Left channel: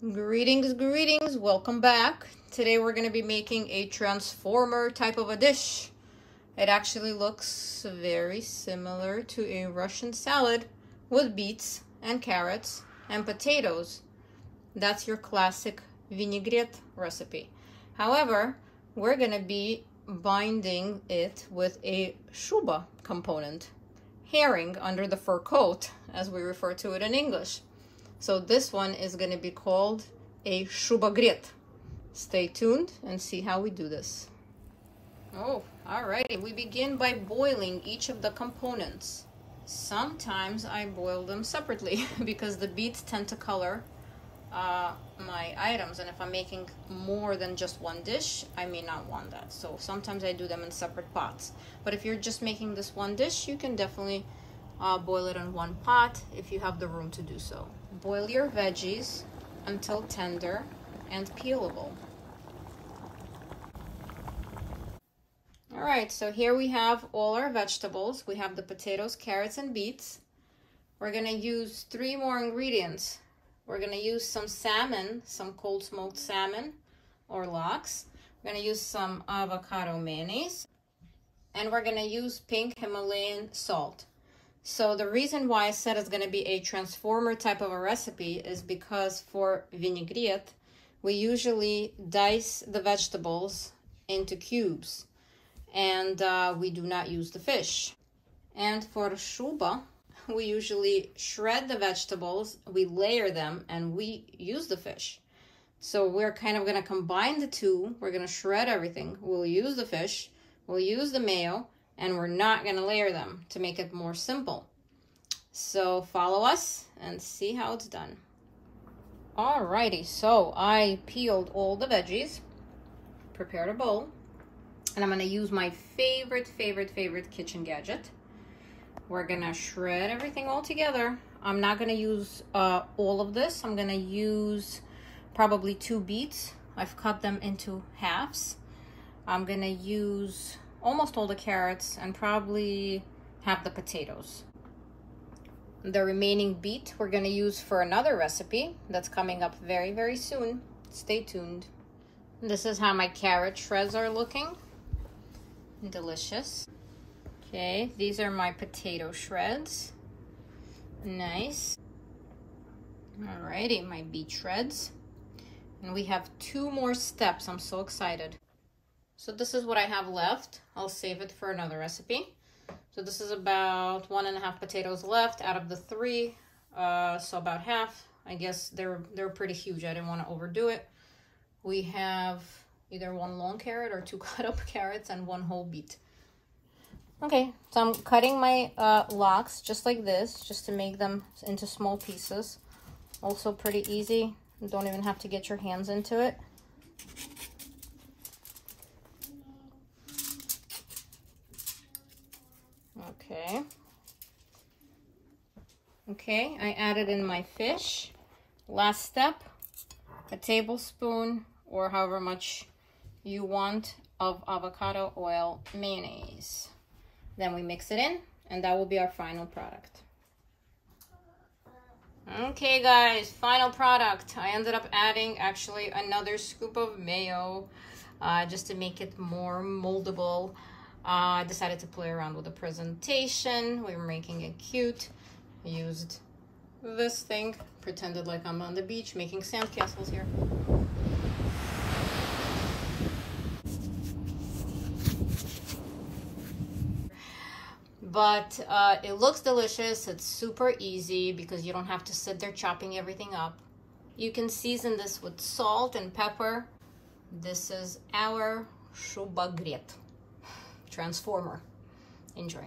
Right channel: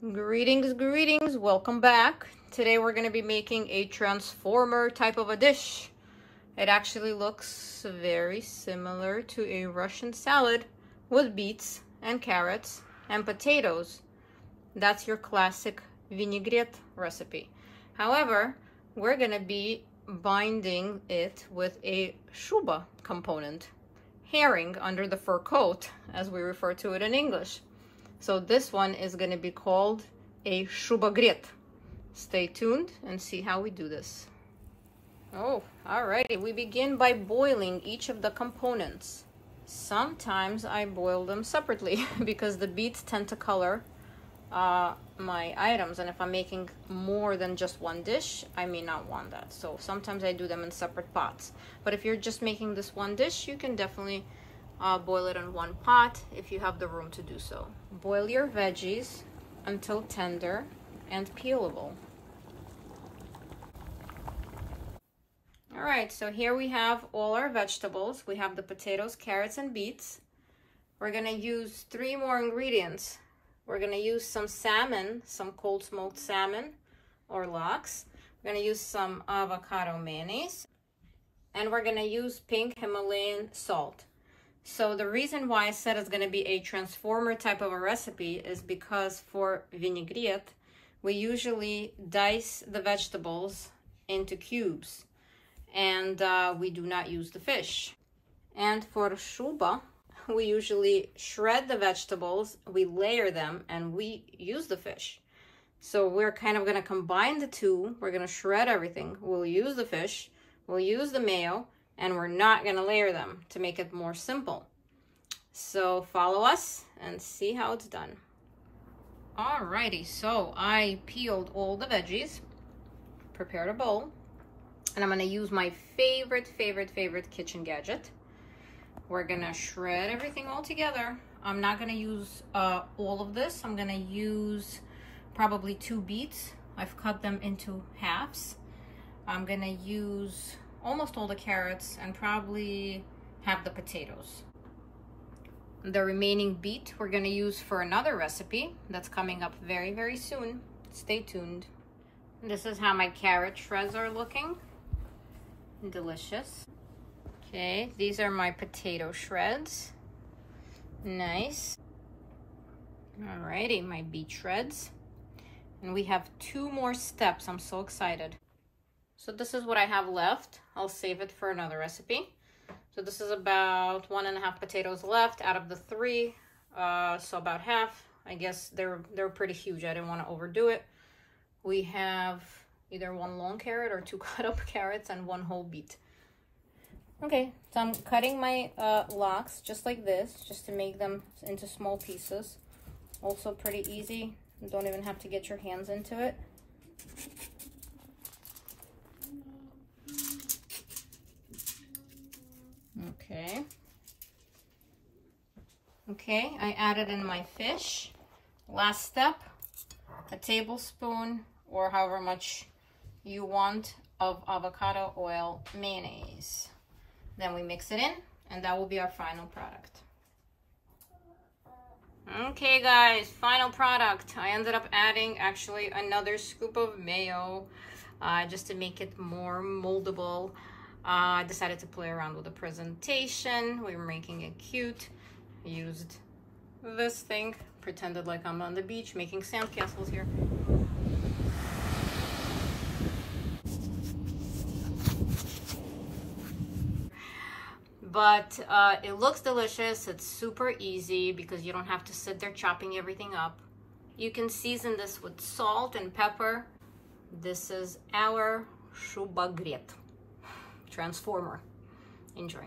Greetings, greetings, welcome back. Today we're going to be making a transformer type of a dish. It actually looks very similar to a Russian salad with beets and carrots and potatoes. That's your classic vinaigrette recipe. However, we're going to be binding it with a shuba component, herring under the fur coat, as we refer to it in English. So this one is going to be called a Shubagret. Stay tuned and see how we do this. Oh, alrighty. We begin by boiling each of the components. Sometimes I boil them separately because the beets tend to color my items, and if I'm making more than just one dish, I may not want that. So sometimes I do them in separate pots. But if you're just making this one dish, you can definitely boil it in one pot if you have the room to do so. Boil your veggies until tender and peelable. All right, so here we have all our vegetables. We have the potatoes, carrots, and beets. We're gonna use 3 more ingredients. We're gonna use some salmon, some cold smoked salmon or lox. We're gonna use some avocado mayonnaise, and we're gonna use pink Himalayan salt. So the reason why I said it's going to be a transformer type of a recipe is because for vinaigrette, we usually dice the vegetables into cubes, and we do not use the fish. And for shuba, we usually shred the vegetables, we layer them, and we use the fish. So we're kind of going to combine the two. We're going to shred everything. We'll use the fish, we'll use the mayo, and we're not going to layer them to make it more simple. So follow us and see how it's done. Alrighty, so I peeled all the veggies, prepared a bowl, and I'm going to use my favorite kitchen gadget. We're going to shred everything all together. I'm not going to use all of this. I'm going to use probably 2 beets. I've cut them into halves. I'm going to use almost all the carrots and probably half the potatoes. The remaining beet we're going to use for another recipe that's coming up very soon. Stay tuned. This is how my carrot shreds are looking. Delicious. Okay, these are my potato shreds. Nice. Alrighty, my beet shreds. And we have 2 more steps. I'm so excited. So this is what I have left. I'll save it for another recipe. So this is about 1.5 potatoes left out of the 3. So about half. I guess they're pretty huge. I didn't want to overdo it. We have either 1 long carrot or 2 cut up carrots and 1 whole beet. Okay, so I'm cutting my lox just like this, just to make them into small pieces. Also pretty easy. You don't even have to get your hands into it. Okay, I added in my fish. Last step, a tablespoon or however much you want of avocado oil mayonnaise. Then we mix it in, and that will be our final product. Okay guys, final product. I ended up adding actually another scoop of mayo just to make it more moldable. I decided to play around with the presentation. We were making it cute. I used this thing, pretended like I'm on the beach making sandcastles here. But it looks delicious. It's super easy because you don't have to sit there chopping everything up. You can season this with salt and pepper. This is our Shubagret transformer. Enjoy.